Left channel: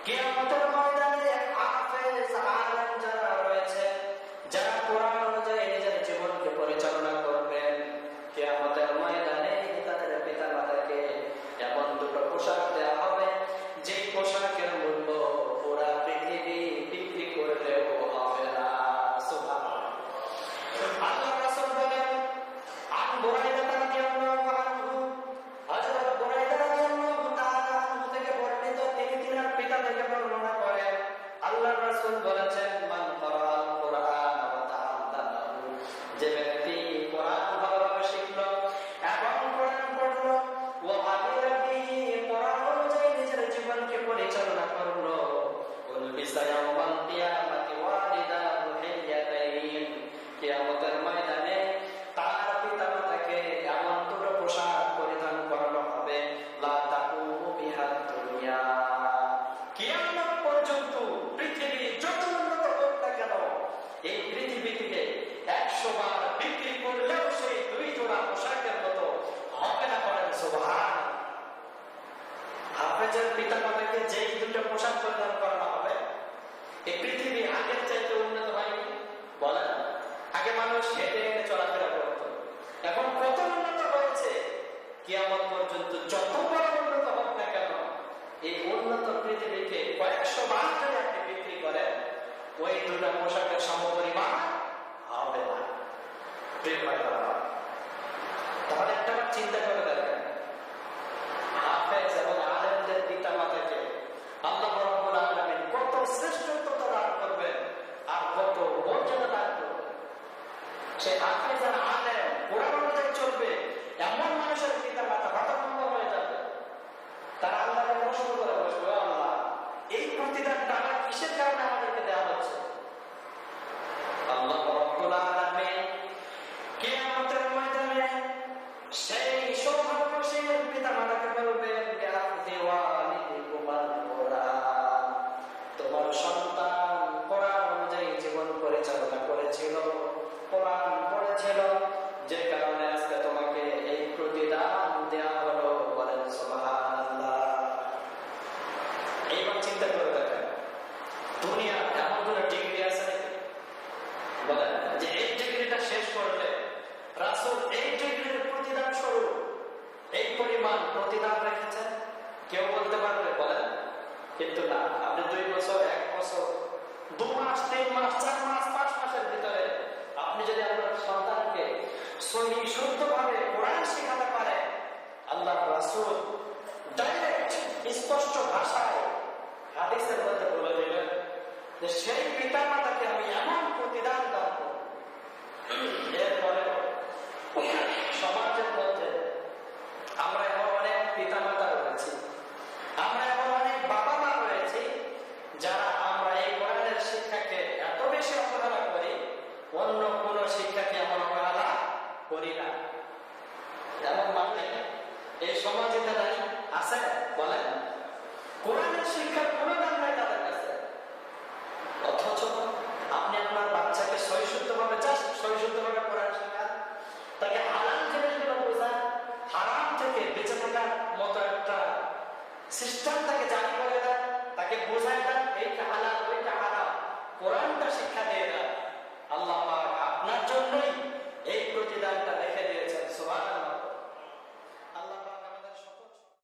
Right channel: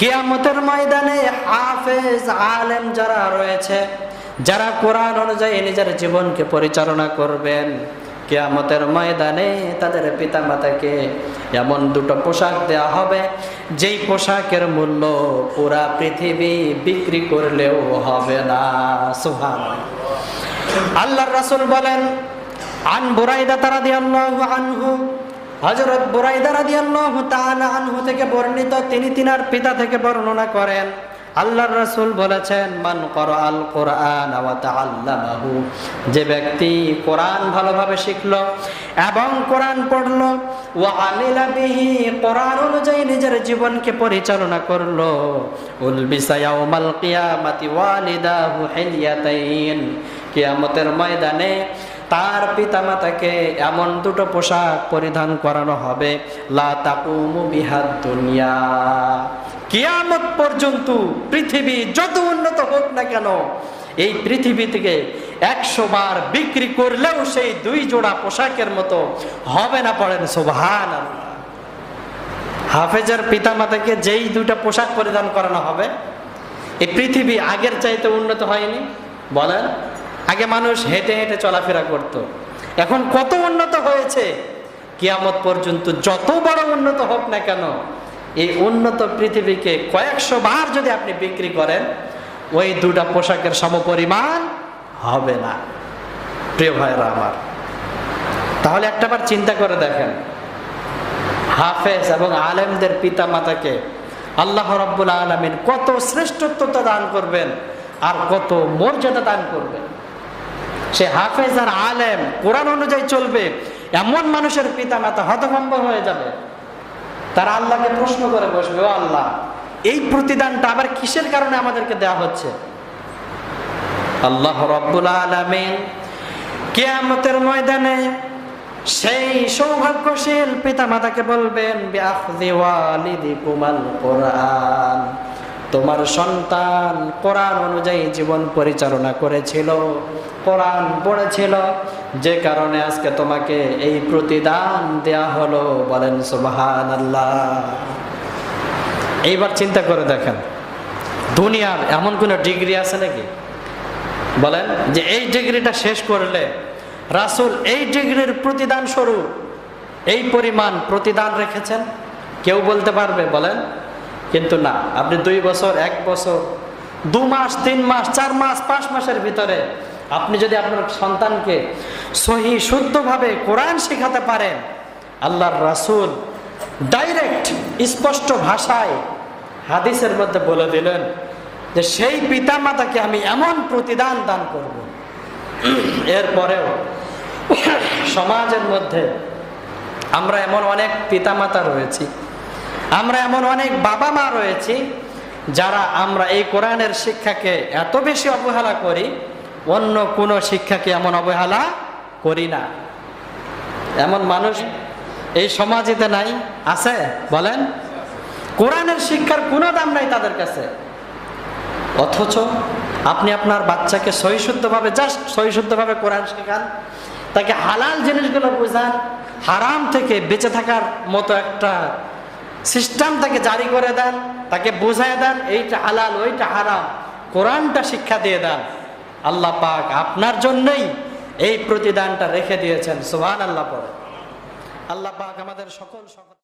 কিয়ামতের ময়দানে হাফেজ আলেম যারা রয়েছে, যারা কোরআন অনুযায়ী নিজের জীবনকে পরিচালনা করবেন, কেয়ামতের ময়দানে তাদের পিতা মাতাকে এমন দুটো পোশাক দেওয়া হবে, যেই পোশাকের মূল্য পুরা পৃথিবী বিক্রি করলেও হবে না। সুহান আল্লাহ রাসুল বলেন, আন বুরাইদা রাদিয়াল্লাহু আনহু হযরত বুরাইদা রাদিয়াল্লাহু তাআলা আনহু থেকে বর্ণিত তিনি তিনার পিতা থেকে বর্ণনা করেন, আল্লাহর রাসূল বলেছেন, মান আল কোরআন ওয়া তাআল্লামাহু। যে ব্যক্তি কোরআন ভালোভাবে শিখল এবং কোরআন পড়ল, ওয়া আমিলা বিহি কোরআন অনুযায়ী নিজের জীবনকে পরিচালনা করল। উলবিসা ইয়াউমাল কিয়ামাতি ওয়ালিদাহু হিলিয়াতাইন। কিয়ামতের ময়দানে তার পিতামাতাকে এমন দুটো পোশাক পরিধান করানো হবে। দুনিয়া। কিয়ামত পর্যন্ত পৃথিবী যত উন্নত হোক না কেন, এই পৃথিবী থেকে একশো বার বিক্রি করলেও সেই দুই জোড়া পোশাকের মতো হবে না পড়েন সোভান হাফেজের পিতামাতাকে যেই দুইটা পোশাক পরিধান করানো হবে, এই পৃথিবী আগের চাইতে উন্নত হয়নি, বলেন? আগে মানুষ হেঁটে হেঁটে চলাফেরা করত। এখন কত উন্নত হয়েছে? কিয়ামত পর্যন্ত যত বড় উন্নত হোক না কেন, এই উন্নত পৃথিবীকে কয়েকশো বার যদি আপনি বিক্রি করেন, ওই দুটা পোশাকের সমপরিমাণ হবে না। প্রিয় ভাইরা আমার, তাহলে একটাবার চিন্তা করে দেখেন। হাফেজ এবং আলেমদের পিতা মাতাকে আল্লাহ রব্বুল আলমিন কত শ্রেষ্ঠত্বতা দান করবেন আর কত মর্যাদা দান করবেন। সে হাফেজ আর আলেম, কোরআন অনুযায়ী চলবে, এমন মানুষের পিতা মাতা হতভম্ব হয়ে যাবে। তারা আল্লাহকে প্রশ্ন করে বসবে, ও আল্লাহ, এই প্রতিদানটা আবার কিসের কারণে আমাদেরকে দেয়া হচ্ছে? আল্লাহ রব্বুল আলমিন কেয়ামতের ময়দানে সেই সৌভাগ্যশীল পিতা মাতাকে বলবেন কোরআন। তোমার সন্তান কোরআন অনুযায়ী জীবন পরিচালনা করেছিল, কোরআন পড়েছিল। যে কারণে আজকে তোমাকে এই প্রতিদান দেয়া হলো, বলেন সুবহান আল্লাহ এইবার চিন্তা করে দেখেন, দুনিয়ার এমন কোনো ডিগ্রি আছে নাকি? বলেন যে এই ডিগ্রিটা শেষ করলে রাসুল এই ডিগ্রির প্রতিদান স্বরূপ, এই পরিমাণ প্রতিদান রেখেছেন? কেউ বলতে পারবে, বলেন? কিন্তু না, আপনি দুই বছর, এক বছর, দু মাস, তিন মাস, চার মাস, পাঁচ মাসের ভিতরে আপনি যদি আপনার সন্তানকে সহি, শুদ্ধভাবে কোরআন শেখাতে পারেন, আল্লাহর রাসুল ডাইরেক্ট স্পষ্ট ভাষায় হাদিসের মধ্যে বলে দিলেন যে সেই পিতা মাতাকে আমি এমন প্রতিদান দান করব। এরপরেও সমাজের মধ্যে আমরা এমন অনেক পিতামাতা রয়েছি আমরা এমন অনেক বাবা মা রয়েছি যারা আমরা এই কোরআনের শিক্ষাকে এত বেশি অবহেলা করি, অন্য কোনো শিক্ষাকে এমন অবহেলা করি না। এমন মানুষ এই সমাজেতে নাই, আছে? বলেন। কোরআনের শিক্ষার কোনো দাম নাই তাদের কাছে। অথচ আপনি আপনার বাচ্চাকে সহিশুদ্ধভাবে জাস্ট সহিশুদ্ধভাবে কোরআন শেখান, তাকে হালাল জিনিসগুলো বোঝান, হারাম থেকে বেঁচে থাকার মতো একটা সিস্টেম তাকে জারি করে দেন, তাকে বুঝায় দেন, এইটা হালাল, ওইটা হারাম। কোরআনটা শিক্ষা দিয়ে দেন। আল্লাহ পাক আপনার জন্যই এই প্রতিদানটা রেখে দিয়েছেন সুহান আল্লাহ পরে। আল্লাহ পাক আমাদের সকল সকল